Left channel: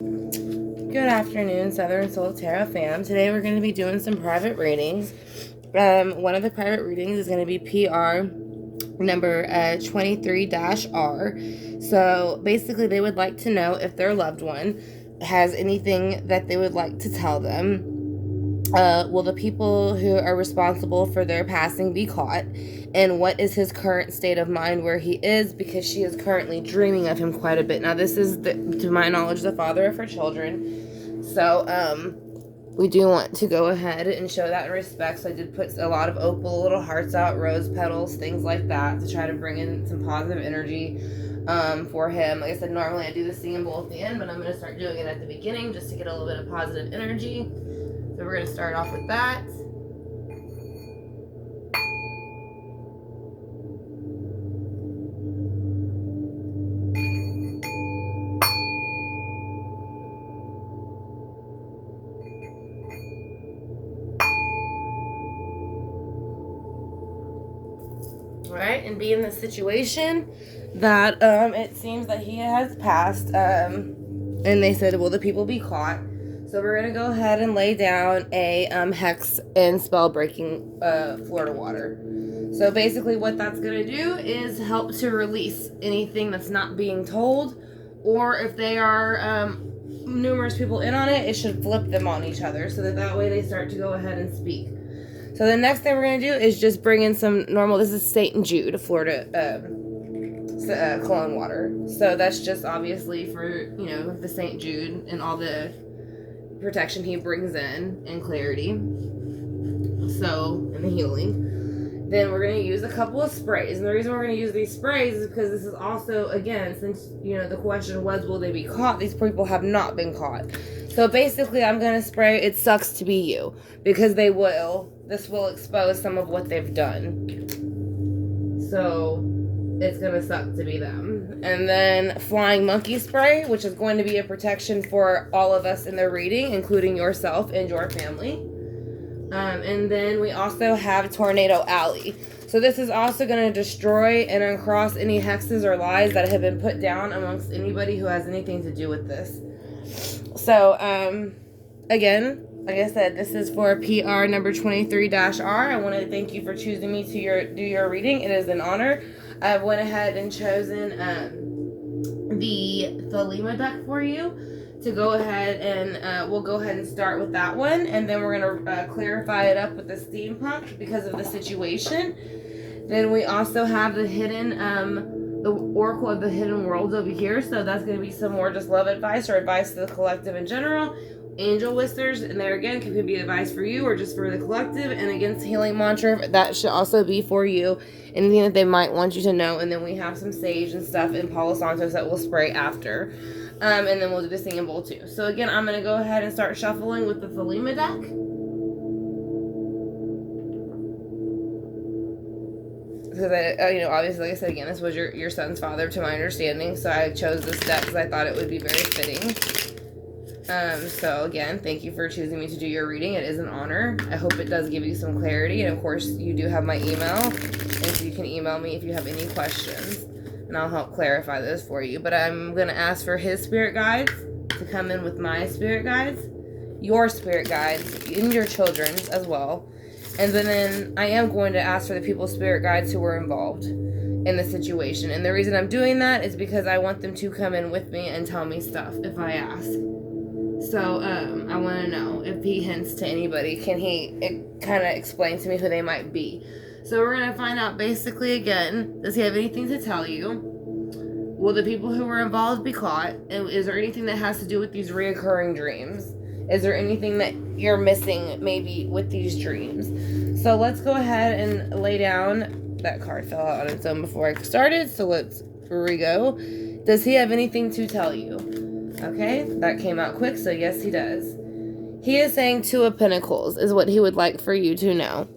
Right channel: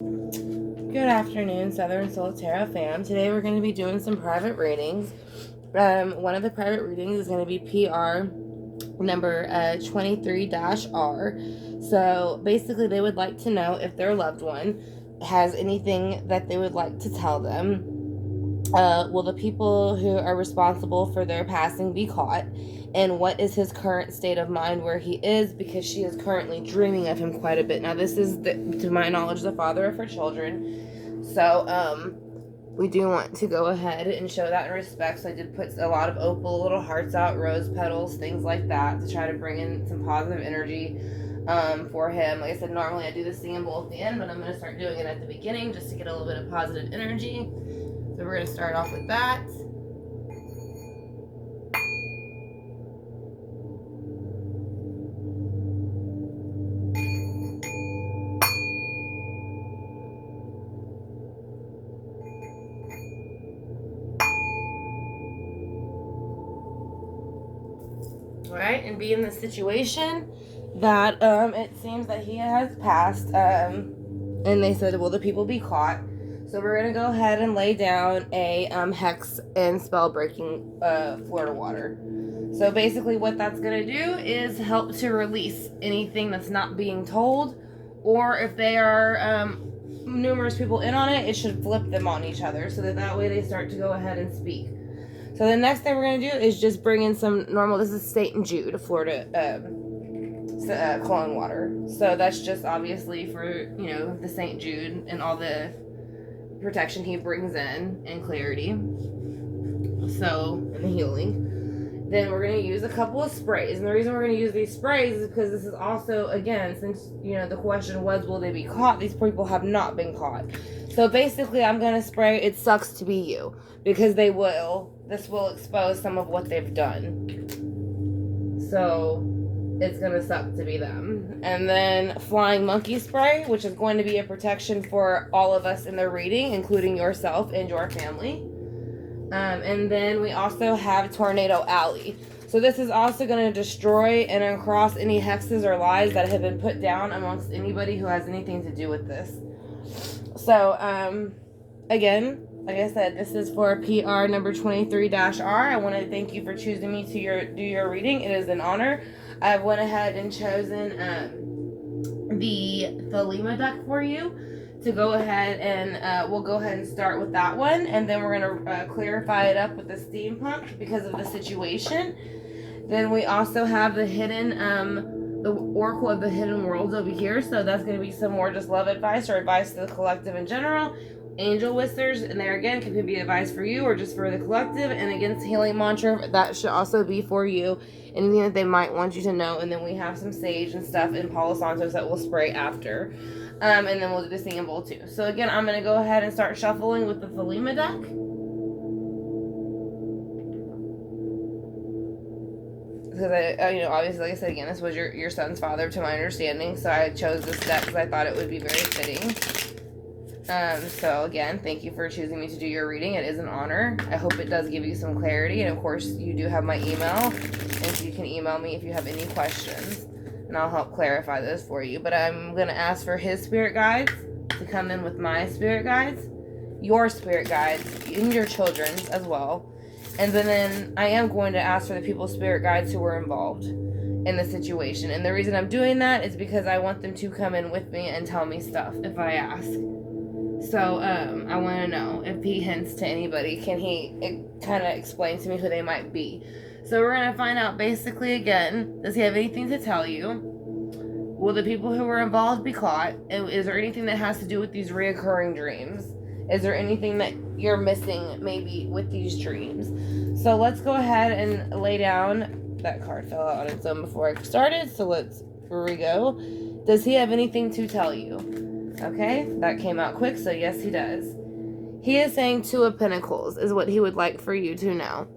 Good afternoon, Southern Soul Tarot fam. Today we're going to be doing some private readings. One of the private readings is going to be PR number 23-R. So basically they would like to know if their loved one has anything that they would like to tell them. Will the people who are responsible for their passing be caught? And what is his current state of mind where he is? Because she is currently dreaming of him quite a bit. Now, this is, to my knowledge, the father of her children. So, we do want to go ahead and show that in respect. So I did put a lot of opal, little hearts out, rose petals, things like that to try to bring in some positive energy for him. Like I said, normally I do the singing bowl at the end, but I'm going to start doing it at the beginning just to get a little bit of positive energy. So we're going to start off with that. Right, and be in the situation that it seems that he has passed, and they said, will the people be caught? So we're going to go ahead and lay down a hex and spell breaking Florida water. So basically what that's going to do is help to release anything that's not being told, or if they are numerous people in on it, it should flip them on each other so that way they start to go ahead and speak. So the next thing we're going to do is just bring in some normal, this is St. Jude, Florida cologne water. So that's just obviously for, you know, the St. Jude and all the protection he brings in and clarity. So, and the healing. Then we're going to use a couple of sprays. And the reason we're going to use these sprays is because this is also, again, since, you know, the question was, will they be caught? These people have not been caught. So basically, I'm going to spray, it sucks to be you. Because they will. This will expose some of what they've done. So, it's going to suck to be them. And then Flying Monkey Spray, which is going to be a protection for all of us in the reading, including yourself and your family. And then we also have Tornado Alley. So this is also going to destroy and uncross any hexes or lies that have been put down amongst anybody who has anything to do with this. So, again, like I said, this is for PR number 23-R. I want to thank you for choosing me to do your reading. It is an honor. I went ahead and chosen the Thelema deck for you to go ahead and we'll go ahead and start with that one. And then we're going to clarify it up with the Steampunk because of the situation. Then we also have the hidden, the Oracle of the Hidden Worlds over here. So that's going to be some more just love advice or advice to the collective in general. Angel Whispers, and there again could be advice for you or just for the collective. And against Healing Mantra, that should also be for you, anything that they might want you to know. And then we have some sage and stuff and Palo Santos that we'll spray after, and then we'll do the singing bowl too. So again, I'm going to go ahead and start shuffling with the Thelema deck. Because you know, obviously, like I said again, this was your son's father to my understanding, so I chose this deck because I thought it would be very fitting. So again, thank you for choosing me to do your reading. It is an honor. I hope it does give you some clarity. And of course, you do have my email. And so you can email me if you have any questions. And I'll help clarify this for you. But I'm going to ask for his spirit guides to come in with my spirit guides. Your spirit guides. And your children's as well. And then I am going to ask for the people's spirit guides who were involved in the situation. And the reason I'm doing that is because I want them to come in with me and tell me stuff if I ask. So, I want to know if he hints to anybody, can he kind of explain to me who they might be? So we're going to find out basically again, does he have anything to tell you? Will the people who were involved be caught? And is there anything that has to do with these reoccurring dreams? Is there anything that you're missing maybe with these dreams? So let's go ahead and lay down. That card fell out on its own before I started, so let's re-go. Does he have anything to tell you? Okay, that came out quick, so yes, he does. He is saying Two of Pentacles is what he would like for you to know.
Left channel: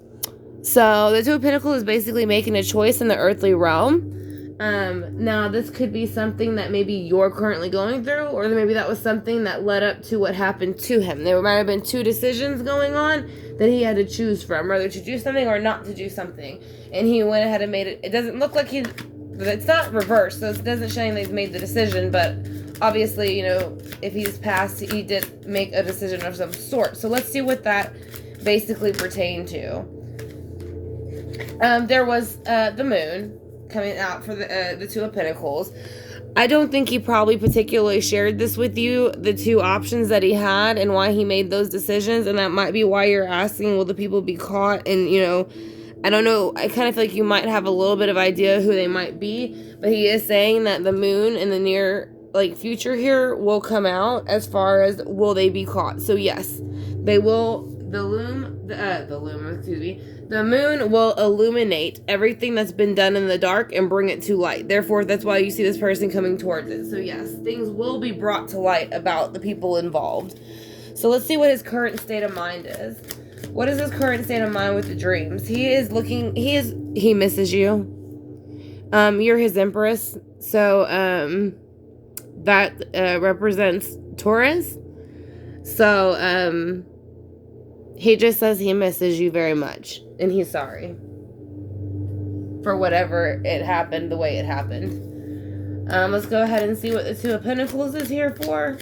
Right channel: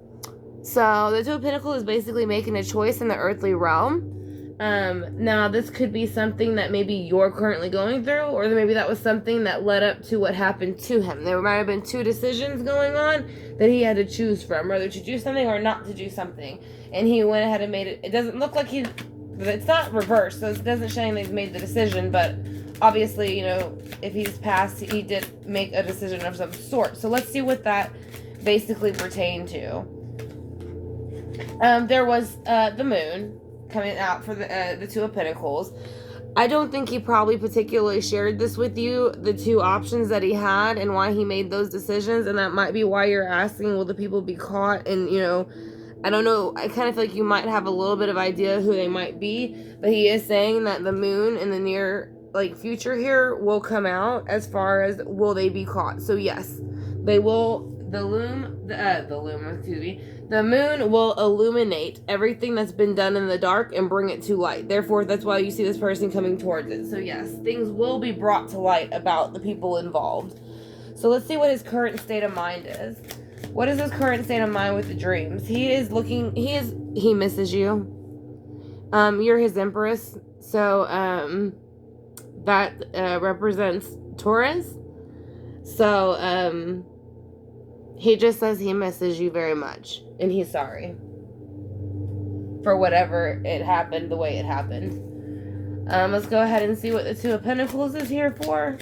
So the Two of Pentacles is basically making a choice in the earthly realm. Now, this could be something that maybe you're currently going through, or maybe that was something that led up to what happened to him. There might have been two decisions going on that he had to choose from, whether to do something or not to do something. And he went ahead and made it. It doesn't look like it's not reversed, so it doesn't show that he's made the decision, but obviously, you know, if he's passed, he did make a decision of some sort. So let's see what that basically pertained to. There was the moon coming out for the Two of Pentacles. I don't think he probably particularly shared this with you, the two options that he had and why he made those decisions, and that might be why you're asking, will the people be caught? And, you know, I don't know, I kind of feel like you might have a little bit of idea who they might be, but he is saying that the moon in the near, like, future here will come out as far as will they be caught. So yes, they will, the moon will illuminate everything that's been done in the dark and bring it to light. Therefore, that's why you see this person coming towards it. So yes, things will be brought to light about the people involved. So let's see what his current state of mind is. What is his current state of mind with the dreams? He misses you. You're his empress. So, that, represents Taurus. So, he just says he misses you very much, and he's sorry for whatever it happened, the way it happened. Let's go ahead and see what the Two of Pentacles is here for.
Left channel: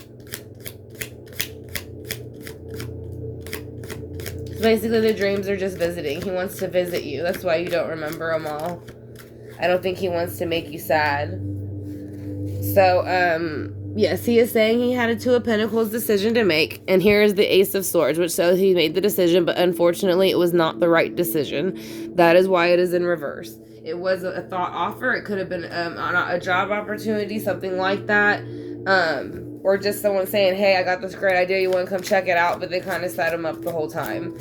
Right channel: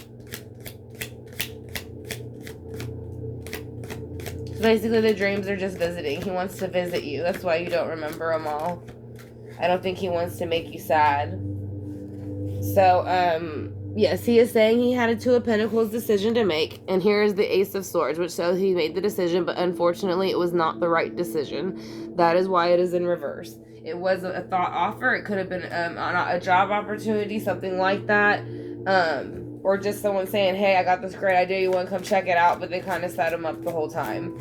Basically, the dreams are just visiting. He wants to visit you. That's why you don't remember them all. I don't think he wants to make you sad. So, yes, he is saying he had a Two of Pentacles decision to make, and here is the Ace of Swords, which shows he made the decision, but unfortunately it was not the right decision. That is why it is in reverse. It was a thought offer. It could have been a job opportunity, something like that, or just someone saying, hey, I got this great idea, you want to come check it out, but they kind of set him up the whole time.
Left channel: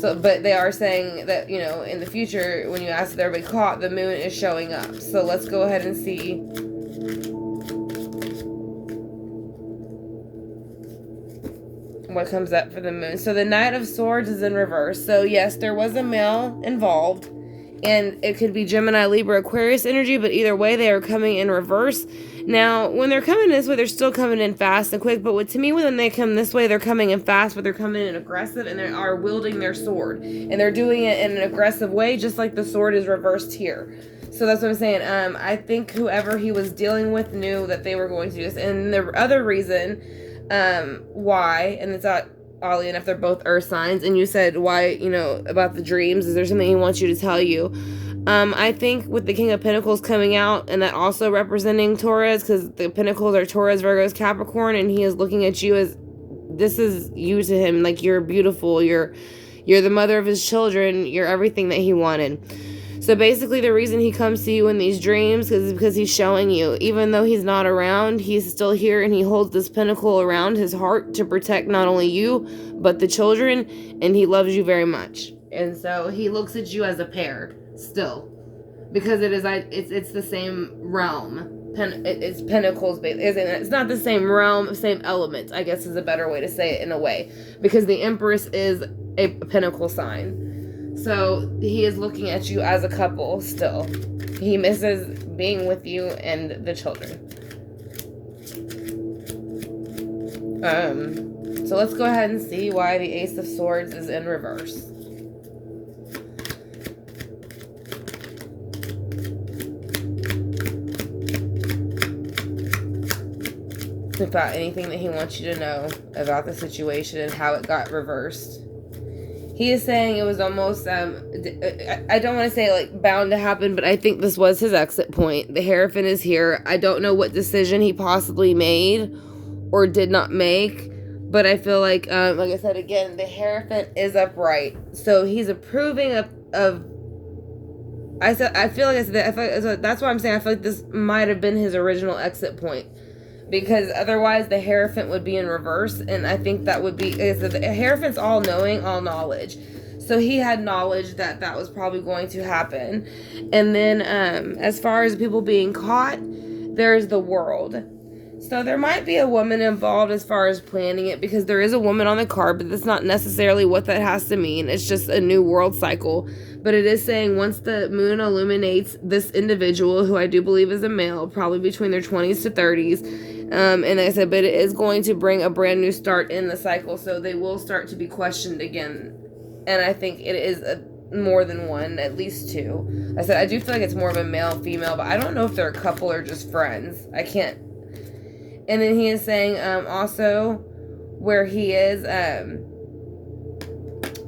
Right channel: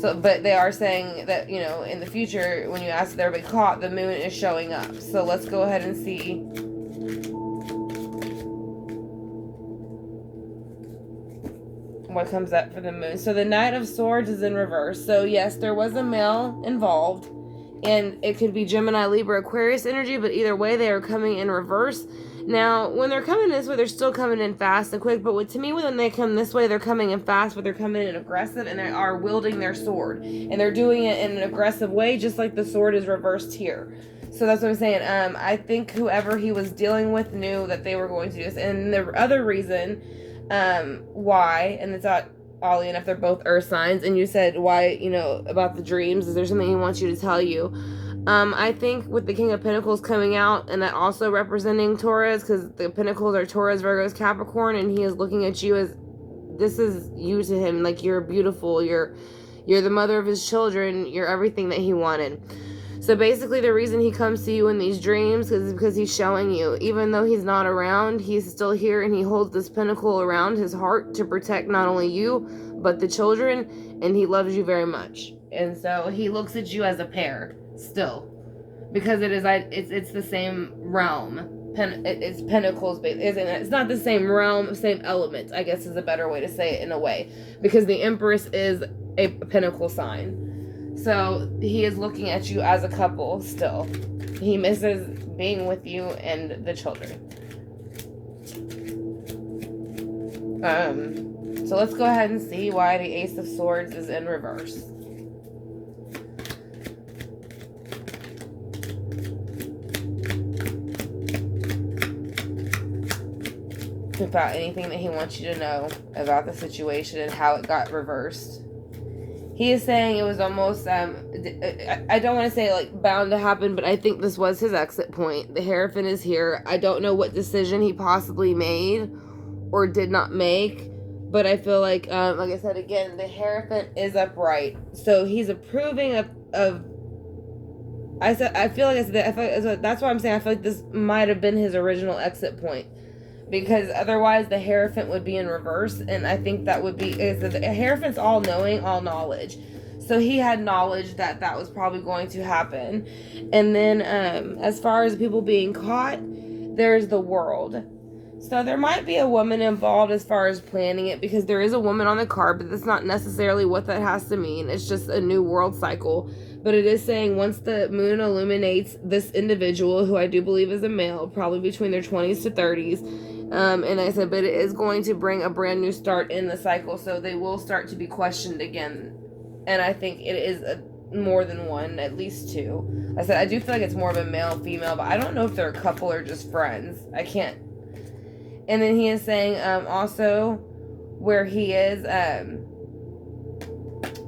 So, but they are saying that, you know, in the future, when you ask if they'll be caught, the moon is showing up. So let's go ahead and see what comes up for the moon. So the Knight of Swords is in reverse. So yes, there was a male involved, and it could be Gemini, Libra, Aquarius energy, but either way, they are coming in reverse. Now, when they're coming this way, they're still coming in fast and quick, but to me, when they come this way, they're coming in fast, but they're coming in aggressive, and they are wielding their sword, and they're doing it in an aggressive way, just like the sword is reversed here. So that's what I'm saying. I think whoever he was dealing with knew that they were going to do this. And the other reason why, and it's not oddly enough, they're both earth signs, and you said why, you know, about the dreams, is there something he wants you to tell you? I think with the King of Pentacles coming out, and that also representing Taurus, because the Pentacles are Taurus, Virgos, Capricorn, and he is looking at you as, this is you to him, like you're beautiful, you're the mother of his children, you're everything that he wanted. So basically the reason he comes to you in these dreams is because he's showing you, even though he's not around, he's still here, and he holds this pentacle around his heart to protect not only you, but the children, and he loves you very much. And so he looks at you as a pair still, because it's the same realm. It's pentacles, it's not the same realm, same element, I guess is a better way to say it in a way, because the Empress is a pentacle sign. So he is looking at you as a couple still. He misses being with you and the children. So let's go ahead and see why the Ace of Swords is in reverse. About anything that he wants you to know about the situation and how it got reversed. He is saying it was almost, I don't want to say like bound to happen, but I think this was his exit point. The Hierophant is here. I don't know what decision he possibly made or did not make, but I feel like I said again, the Hierophant is upright. So he's approving of that's why I'm saying I feel like this might have been his original exit point. Because otherwise the Hierophant would be in reverse, and I think that would be, the Hierophant's all knowing, all knowledge. So he had knowledge that that was probably going to happen. And then as far as people being caught, there's the World. So there might be a woman involved as far as planning it, because there is a woman on the card, but that's not necessarily what that has to mean. It's just a new world cycle. But it is saying once the moon illuminates this individual, who I do believe is a male, probably between their 20s to 30s, and like I said, but it is going to bring a brand new start in the cycle, so they will start to be questioned again. And I think it is more than one, at least two. I said I do feel like it's more of a male female, but I don't know if they're a couple or just friends. I can't. And then he is saying also where he is,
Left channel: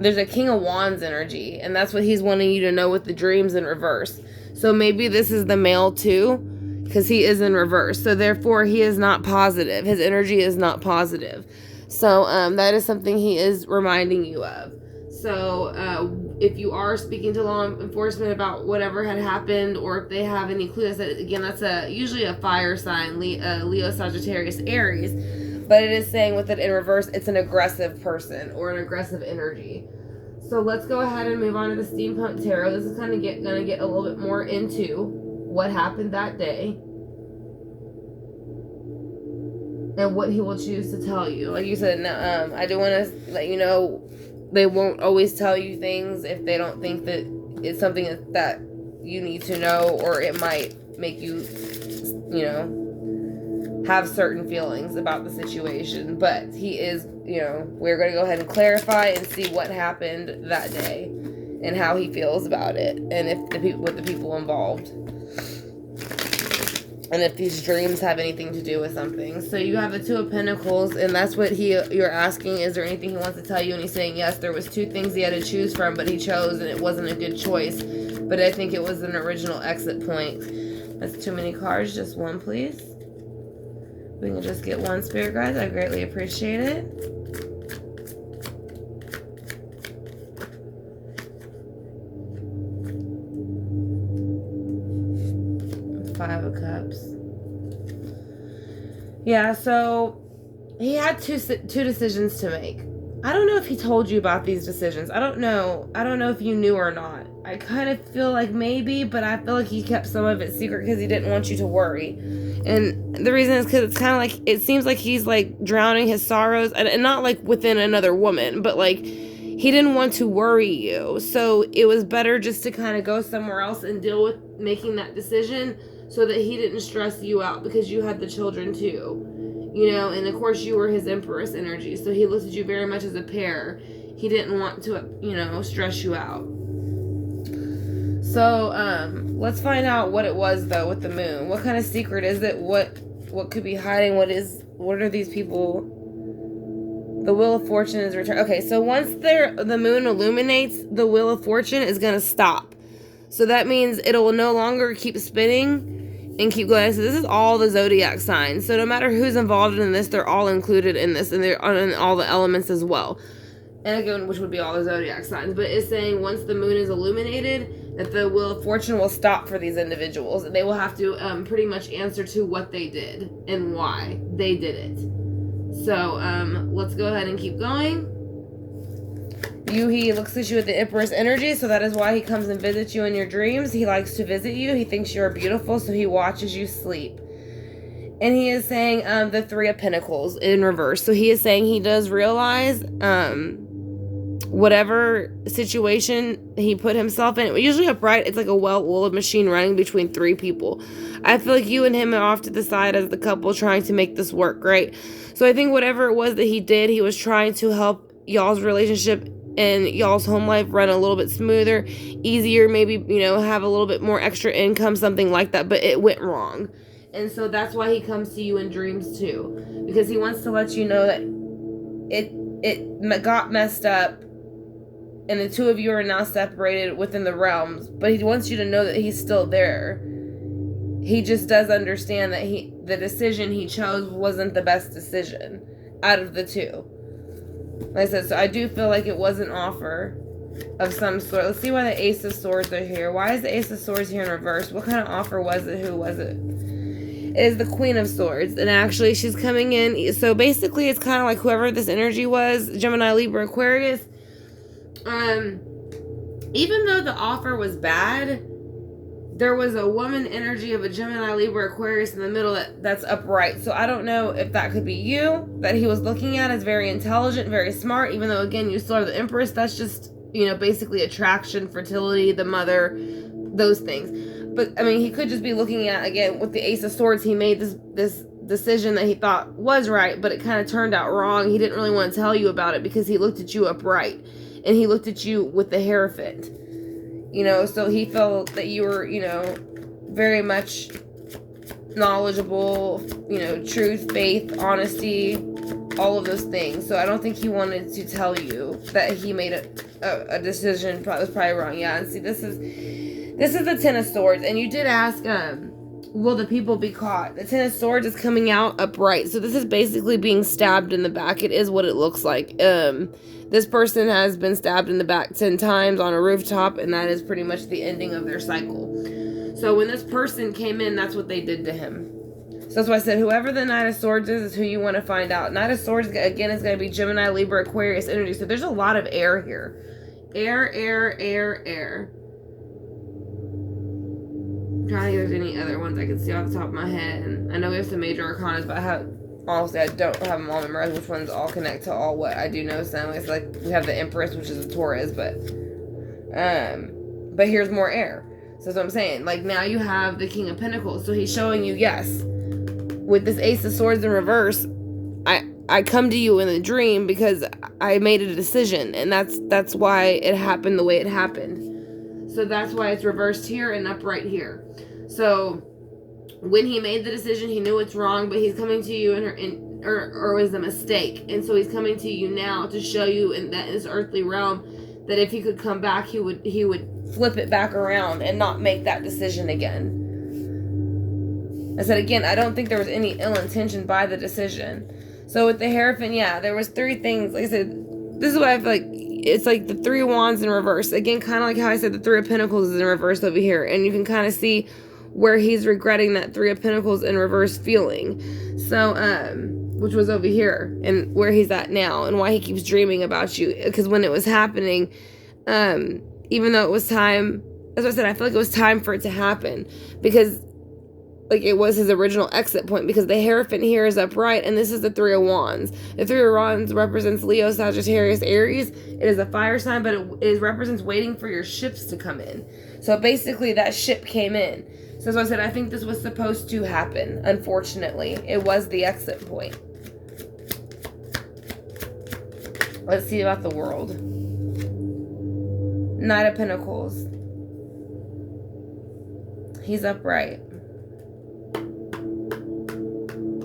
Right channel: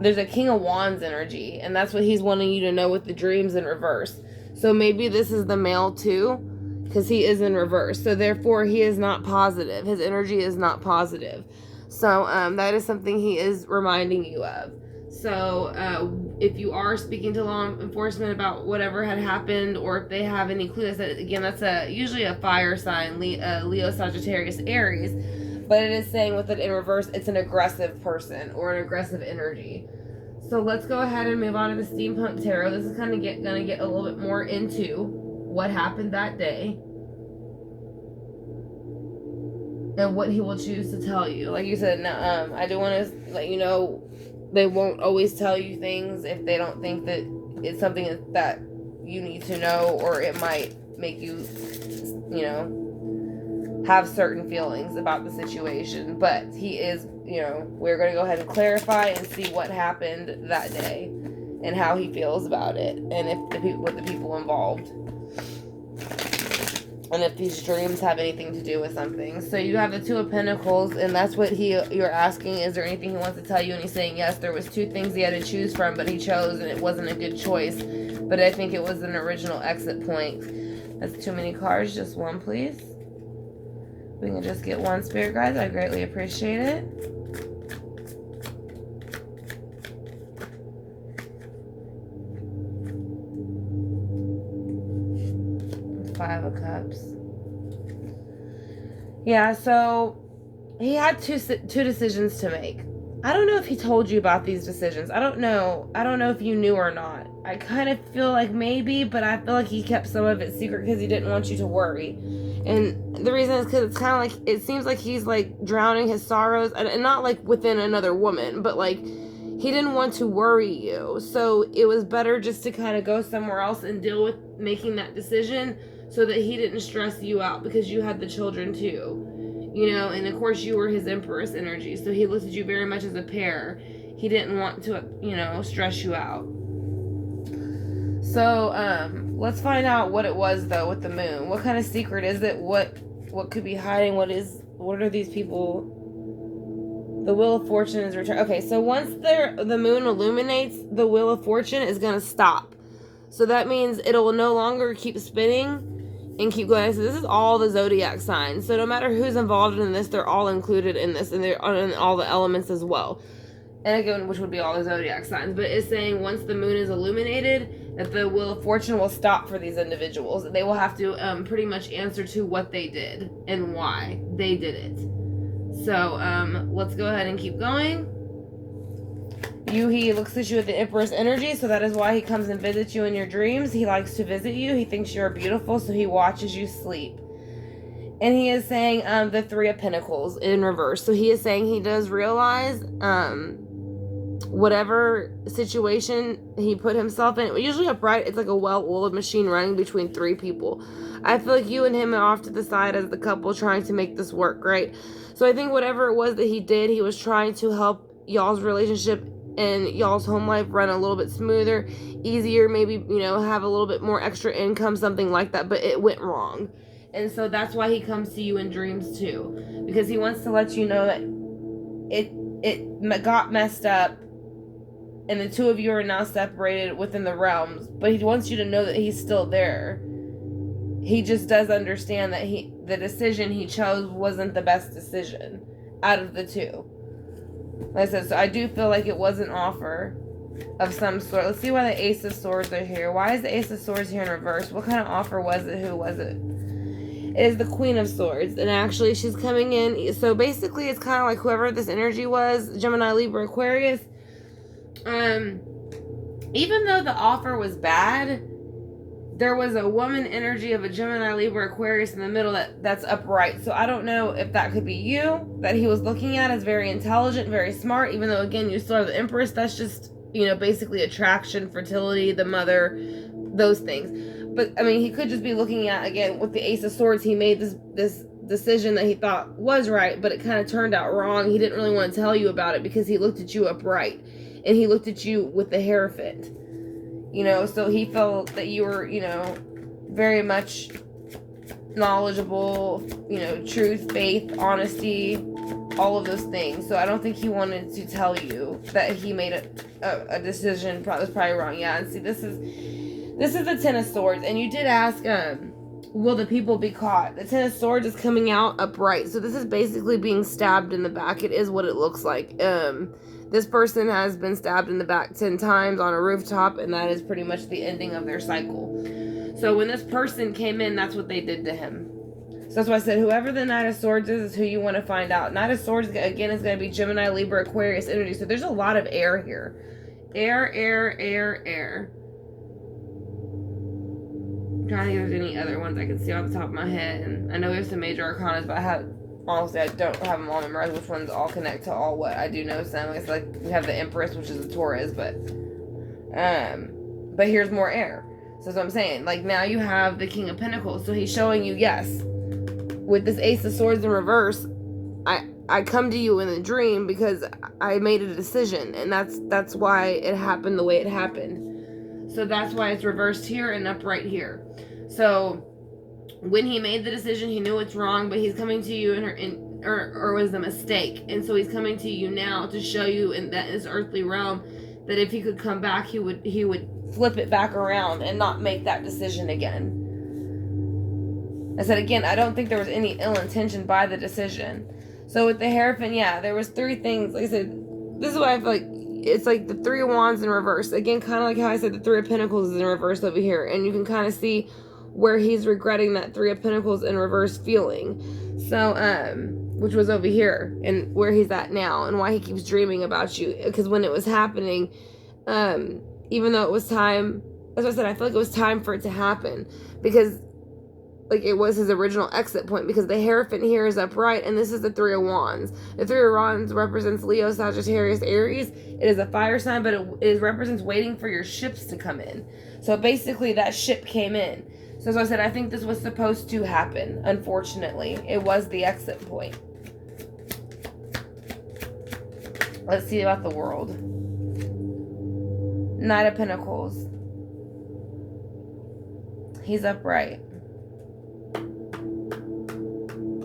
there's a King of Wands energy, and that's what he's wanting you to know with the dreams in reverse. So maybe this is the male too, because he is in reverse. So therefore he is not positive. His energy is not positive. So that is something he is reminding you of. So if you are speaking to law enforcement about whatever had happened, or if they have any clues, again, that's usually a fire sign, Leo, Sagittarius, Aries. But it is saying with it in reverse, it's an aggressive person or an aggressive energy. So let's go ahead and move on to the Steampunk Tarot. This is kind of going to get a little bit more into what happened that day and what he will choose to tell you. Like you said, I do want to let you know they won't always tell you things if they don't think that it's something that you need to know, or it might make you, you know, have certain feelings about the situation. But he is, you know, we're going to go ahead and clarify and see what happened that day and how he feels about it, and if the people, with the people involved, and if these dreams have anything to do with something. So you have the Two of Pentacles, and that's what you're asking, is there anything he wants to tell you? And he's saying yes, there was two things he had to choose from, but he chose, and it wasn't a good choice. But I think it was an original exit point. That's too many cards. Just one, please. We can just get one, Spirit Guides. I greatly appreciate it. Five of Cups. Yeah, so he had two decisions to make. I don't know if he told you about these decisions. I don't know if you knew or not. I kind of feel like maybe, but I feel like he kept some of it secret because he didn't want you to worry. And the reason is because it's kind of like, it seems like he's like drowning his sorrows, and not like within another woman, but like he didn't want to worry you. So it was better just to kind of go somewhere else and deal with making that decision, so that he didn't stress you out, because you had the children too, you know, and of course you were his Empress energy. So he looked at you very much as a pair. He didn't want to, you know, stress you out. So, let's find out what it was though with the moon. What kind of secret is it? What could be hiding? What are these people? The Wheel of Fortune is returned. Okay, so once the moon illuminates, the Wheel of Fortune is going to stop. So that means it will no longer keep spinning and keep going. So this is all the zodiac signs. So no matter who's involved in this, they're all included in this, and they're in all the elements as well. And again, which would be all the zodiac signs. But it's saying once the moon is illuminated, that the Wheel of Fortune will stop for these individuals. They will have to pretty much answer to what they did and why they did it. So let's go ahead and keep going. He looks at you with the Empress energy, so that is why he comes and visits you in your dreams. He likes to visit you. He thinks you're beautiful, so he watches you sleep. And he is saying the Three of Pentacles in reverse. So he is saying he does realize whatever situation he put himself in, usually upright, it's like a well-oiled machine running between three people. I feel like you and him are off to the side as the couple trying to make this work, right? So I think whatever it was that he did, he was trying to help y'all's relationship and y'all's home life run a little bit smoother, easier, maybe, you know, have a little bit more extra income, something like that, but it went wrong. And so that's why he comes to you in dreams too, because he wants to let you know that it got messed up, and the two of you are now separated within the realms, but he wants you to know that he's still there. He just does understand that the decision he chose wasn't the best decision out of the two. Like I said, so I do feel like it was an offer of some sort. Let's see why the Ace of Swords are here. Why is the Ace of Swords here in reverse? What kind of offer was it? Who was it? It is the Queen of Swords. And actually, she's coming in. So basically, it's kind of like whoever this energy was, Gemini, Libra, Aquarius. Even though the offer was bad, there was a woman energy of a Gemini, Libra, Aquarius in the middle that's upright. So I don't know if that could be you, that he was looking at as very intelligent, very smart, even though, again, you still are the Empress. That's just, you know, basically attraction, fertility, the mother, those things. But, I mean, he could just be looking at, again, with the Ace of Swords, he made this decision that he thought was right, but it kind of turned out wrong. He didn't really want to tell you about it because he looked at you upright, and he looked at you with the hair fit. You know, so he felt that you were, you know, very much knowledgeable, you know, truth, faith, honesty, all of those things. So I don't think he wanted to tell you that he made a decision that was probably wrong. Yeah, and see, this is the Ten of Swords, and you did ask, will the people be caught? The Ten of Swords is coming out upright, so this is basically being stabbed in the back. It is what it looks like. This person has been stabbed in the back 10 times on a rooftop, and that is pretty much the ending of their cycle. So when this person came in, that's what they did to him. So that's why I said whoever the Knight of Swords is who you want to find out. Knight of Swords, again, is going to be Gemini, Libra, Aquarius energy. So there's a lot of air here. Air, air, air, air. I'm trying to think if there's any other ones I can see off the top of my head. And I know there's some major arcanas, but honestly, I don't have them all memorized which ones all connect to all what I do know. So it's like we have the Empress, which is a Taurus, but here's more air. So that's what I'm saying. Like, now you have the King of Pentacles. So he's showing you, yes, with this Ace of Swords in reverse, I come to you in a dream because I made a decision. And that's why it happened the way it happened. So that's why it's reversed here and upright here. So when he made the decision, he knew it's wrong, but he's coming to you or was a mistake. And so he's coming to you now to show you in this earthly realm that if he could come back, he would flip it back around and not make that decision again. I said again, I don't think there was any ill intention by the decision. So with the Hierophant, yeah, there was 3 things. Like I said, this is why I feel like it's like the 3 of Wands in reverse. Again, kind of like how I said the 3 of Pentacles is in reverse over here. And you can kind of see where he's regretting that 3 of Pentacles in reverse feeling. So, which was over here and where he's at now and why he keeps dreaming about you. Because when it was happening, even though it was time, as I said, I feel like it was time for it to happen because like it was his original exit point, because the Hierophant here is upright and this is the 3 of Wands. The 3 of Wands represents Leo, Sagittarius, Aries. It is a fire sign, but it represents waiting for your ships to come in. So basically that ship came in. So as I said, I think this was supposed to happen. Unfortunately, it was the exit point. Let's see about the World. Knight of Pentacles. He's upright.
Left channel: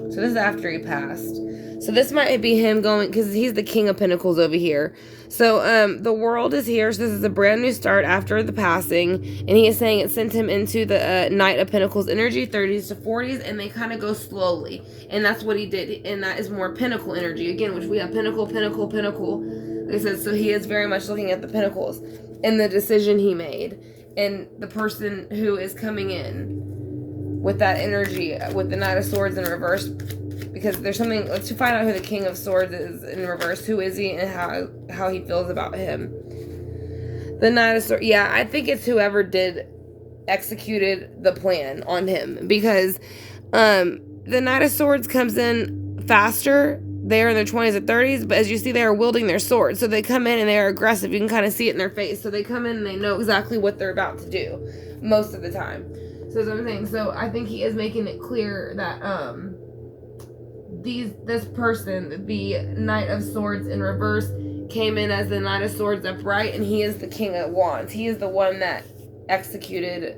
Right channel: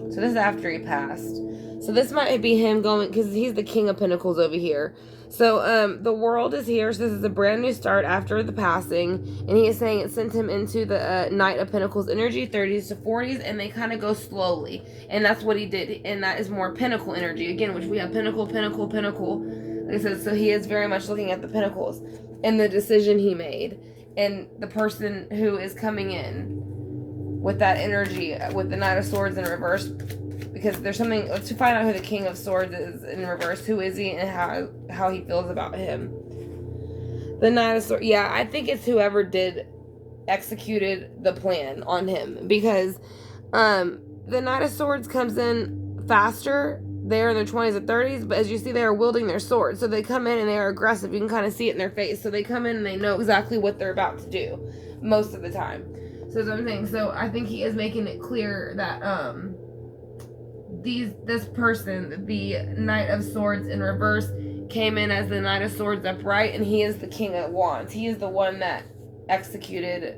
So this is after he passed. So this might be him going, because he's the King of Pentacles over here. So the World is here. So this is a brand new start after the passing. And he is saying it sent him into the Knight of Pentacles energy, 30s to 40s. And they kind of go slowly. And that's what he did. And that is more Pentacle energy. Again, which we have Pentacle, Pentacle, Pentacle. Like I said, so he is very much looking at the Pentacles. And the decision he made. And the person who is coming in with that energy, with the Knight of Swords in reverse, because there's something, let's find out who the King of Swords is in reverse. Who is he and how he feels about him. The Knight of Swords, yeah, I think it's whoever executed the plan on him, because the Knight of Swords comes in faster. They're in their 20s or 30s, but as you see, they are wielding their swords. So they come in and they are aggressive. You can kind of see it in their face. So they come in and they know exactly what they're about to do most of the time. So that's what I'm saying. So I think he is making it clear that this person, the Knight of Swords in reverse, came in as the Knight of Swords upright, and he is the King of Wands. He is the one that executed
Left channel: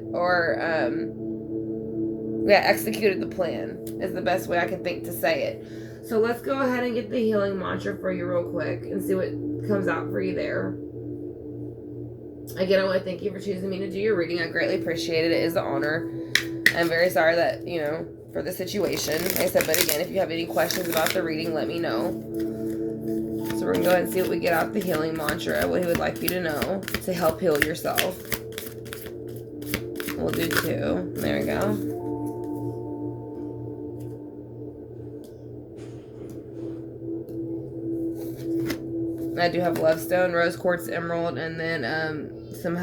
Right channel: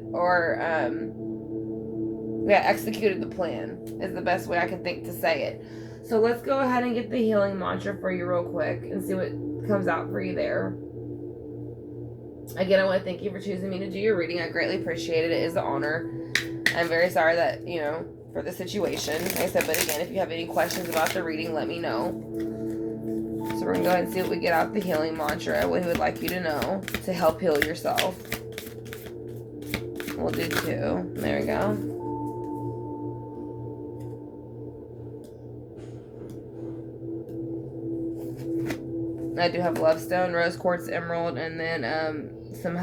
executed the plan, is the best way I can think to say it. So let's go ahead and get the healing mantra for you real quick and see what comes out for you there. Again, I want to thank you for choosing me to do your reading. I greatly appreciate it. It is an honor. I'm very sorry that, for the situation. Like I said, but again, if you have any questions about the reading, let me know. So we're going to go ahead and see what we get out the healing mantra, what he would like you to know to help heal yourself. We'll do 2. There we go. I do have Love Stone, Rose Quartz, Emerald, and then some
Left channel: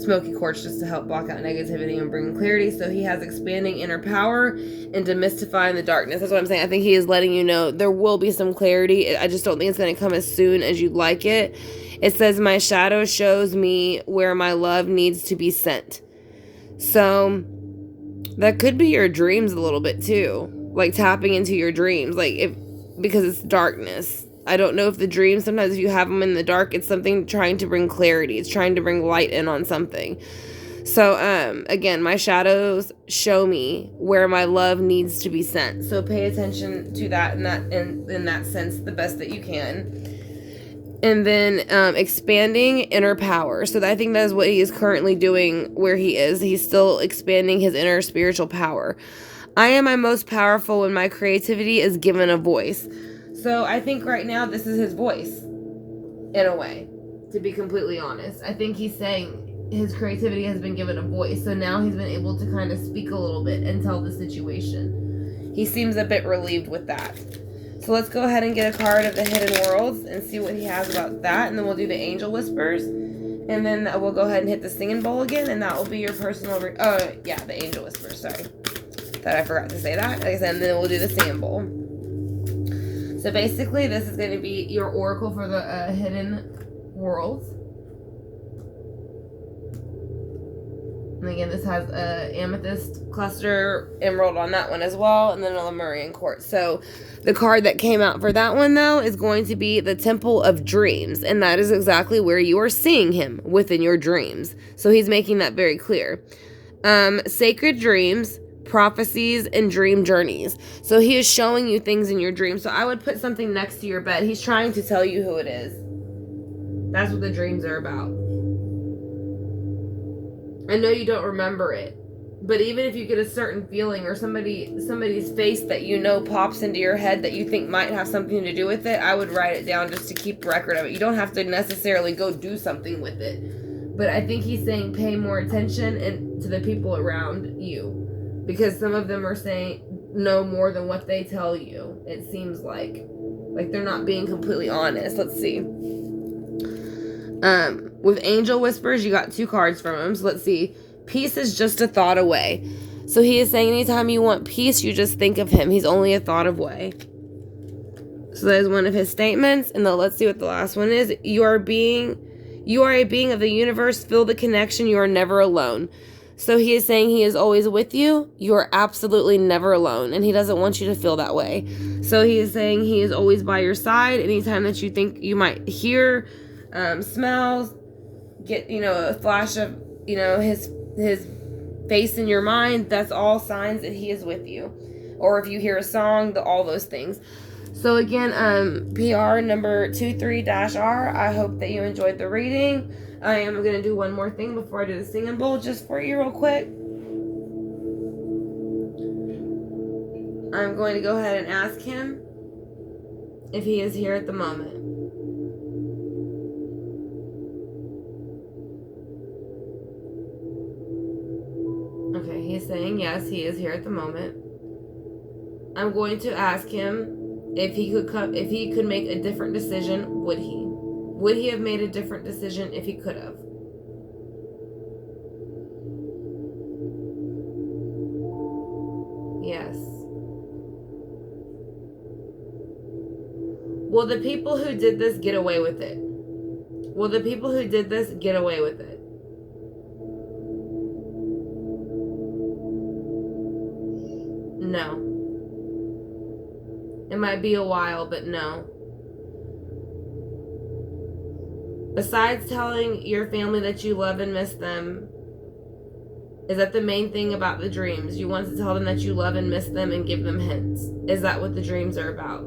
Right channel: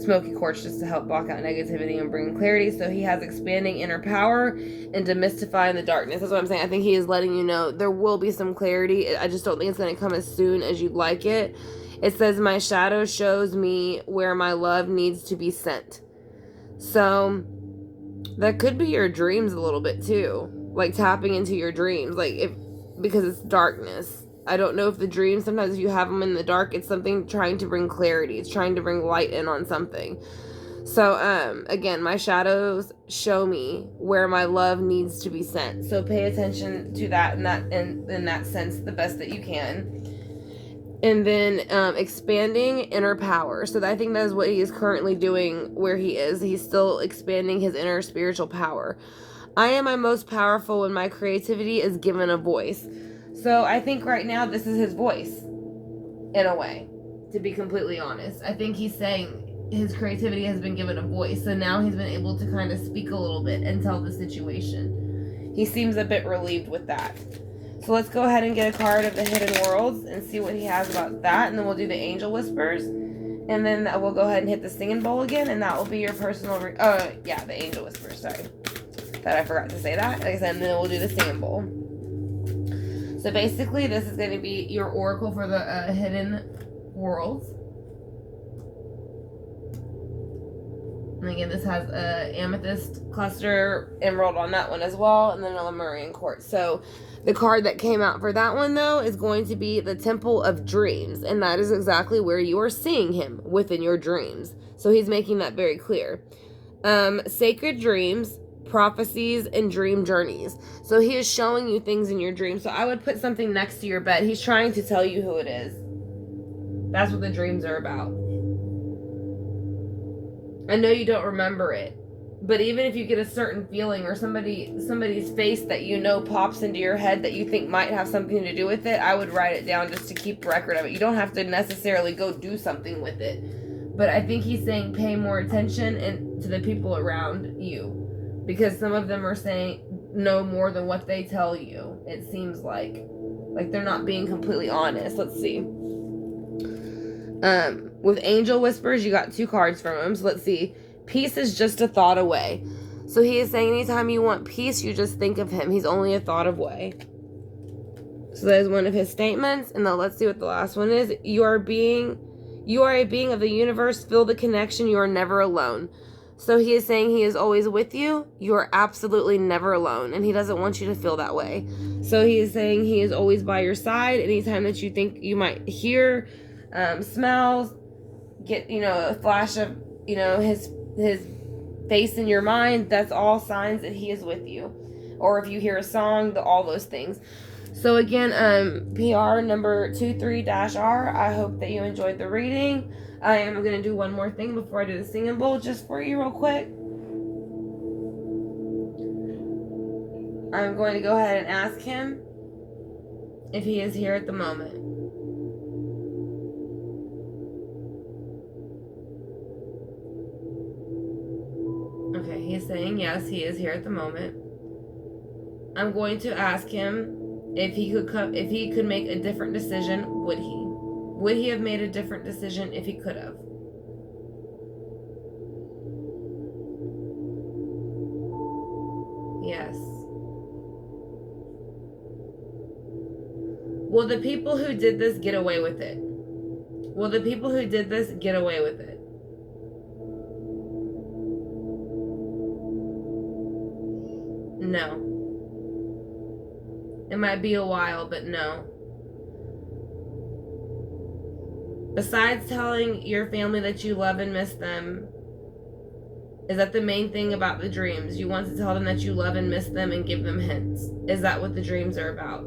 smoky quartz just to help block out negativity and bring clarity. So he has expanding inner power and demystifying the darkness. That's what I'm saying. I think he is letting you know there will be some clarity. I just don't think it's going to come as soon as you'd like it. It says, my shadow shows me where my love needs to be sent. So that could be your dreams a little bit too. Like tapping into your dreams. Because it's darkness. I don't know if the dreams, sometimes if you have them in the dark, it's something trying to bring clarity. It's trying to bring light in on something. So, again, my shadows show me where my love needs to be sent. So pay attention to that in that sense the best that you can. And then expanding inner power. So I think that is what he is currently doing where he is. He's still expanding his inner spiritual power. I am my most powerful when my creativity is given a voice. So I think right now this is his voice, in a way, to be completely honest. I think he's saying his creativity has been given a voice. So now he's been able to kind of speak a little bit and tell the situation. He seems a bit relieved with that. So let's go ahead and get a card of the Hidden Worlds and see what he has about that. And then we'll do the Angel Whispers. And then we'll go ahead and hit the Singing Bowl again. And that will be your personal... the Angel Whispers. Sorry. Thought I forgot to say that. Like I said, and then we'll do the Singing Bowl. So basically, this is going to be your oracle for the Hidden Worlds. And again, this has a amethyst cluster emerald on that one as well, and then a Lemurian quartz. So the card that came out for that one, though, is going to be the Temple of Dreams, and that is exactly where you are seeing him, within your dreams. So he's making that very clear. Sacred dreams, prophecies, and dream journeys. So he is showing you things in your dreams. So I would put something next to your bed. He's trying to tell you who it is. That's what the dreams are about. I know you don't remember it, but even if you get a certain feeling or somebody's face that you know pops into your head that you think might have something to do with it, I would write it down just to keep record of it. You don't have to necessarily go do something with it. But I think he's saying pay more attention to the people around you, because some of them are saying no more than what they tell you. It seems like they're not being completely honest. Let's see. With Angel Whispers, you got 2 cards from him. So let's see. Peace is just a thought away. So he is saying anytime you want peace, you just think of him. He's only a thought away. So that is one of his statements. And then let's see what the last one is. You are a being of the universe. Feel the connection. You are never alone. So he is saying he is always with you. You are absolutely never alone. And he doesn't want you to feel that way. So he is saying he is always by your side. Anytime that you think you might hear, smells, get, a flash of, his face in your mind, that's all signs that he is with you. Or if you hear a song, all those things. So again, PR number 23-R, I hope that you enjoyed the reading. I am going to do one more thing before I do the Singing Bowl just for you real quick. I'm going to go ahead and ask him if he is here at the moment. Okay, he's saying yes, he is here at the moment. I'm going to ask him if he could make a different decision. Would he? Would he have made a different decision if he could have? Yes. Will the people who did this get away with it? Will the people who did this get away with it? No. It might be a while, but no. Besides telling your family that you love and miss them, is that the main thing about the dreams? You want to tell them that you love and miss them and give them hints. Is that what the dreams are about?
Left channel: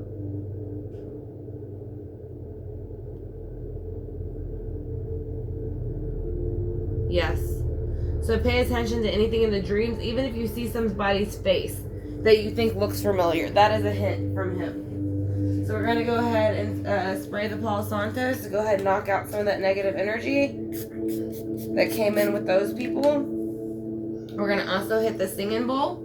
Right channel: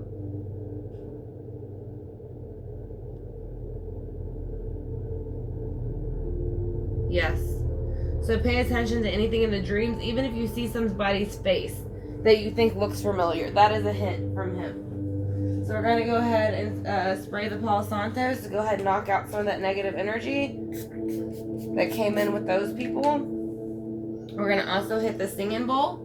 Yes. So pay attention to anything in the dreams, even if you see somebody's face that you think looks familiar. That is a hint from him. So we're going to go ahead and spray the Palo Santos to go ahead and knock out some of that negative energy that came in with those people. We're going to also hit the Singing Bowl.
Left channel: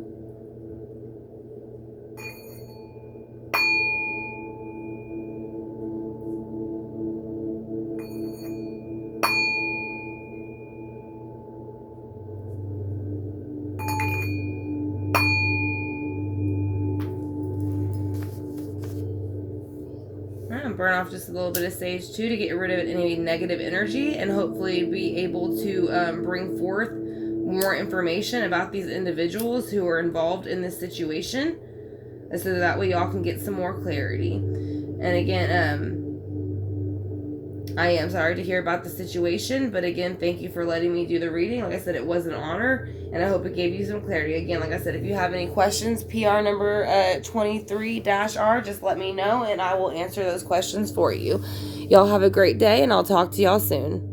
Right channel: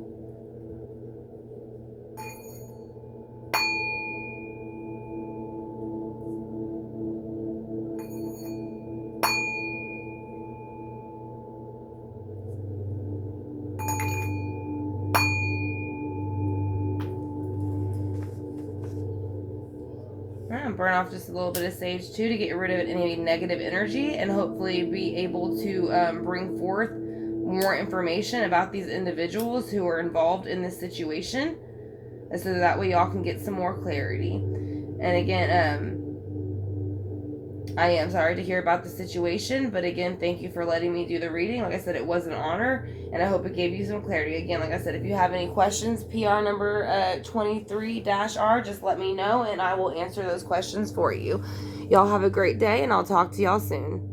Burn off just a little bit of sage too to get rid of any negative energy and hopefully be able to bring forth more information about these individuals who are involved in this situation, so that way y'all can get some more clarity. And again, I am sorry to hear about the situation, but again, thank you for letting me do the reading. Like I said, it was an honor, and I hope it gave you some clarity. Again, like I said, if you have any questions, PR number 23-R, just let me know, and I will answer those questions for you. Y'all have a great day, and I'll talk to y'all soon.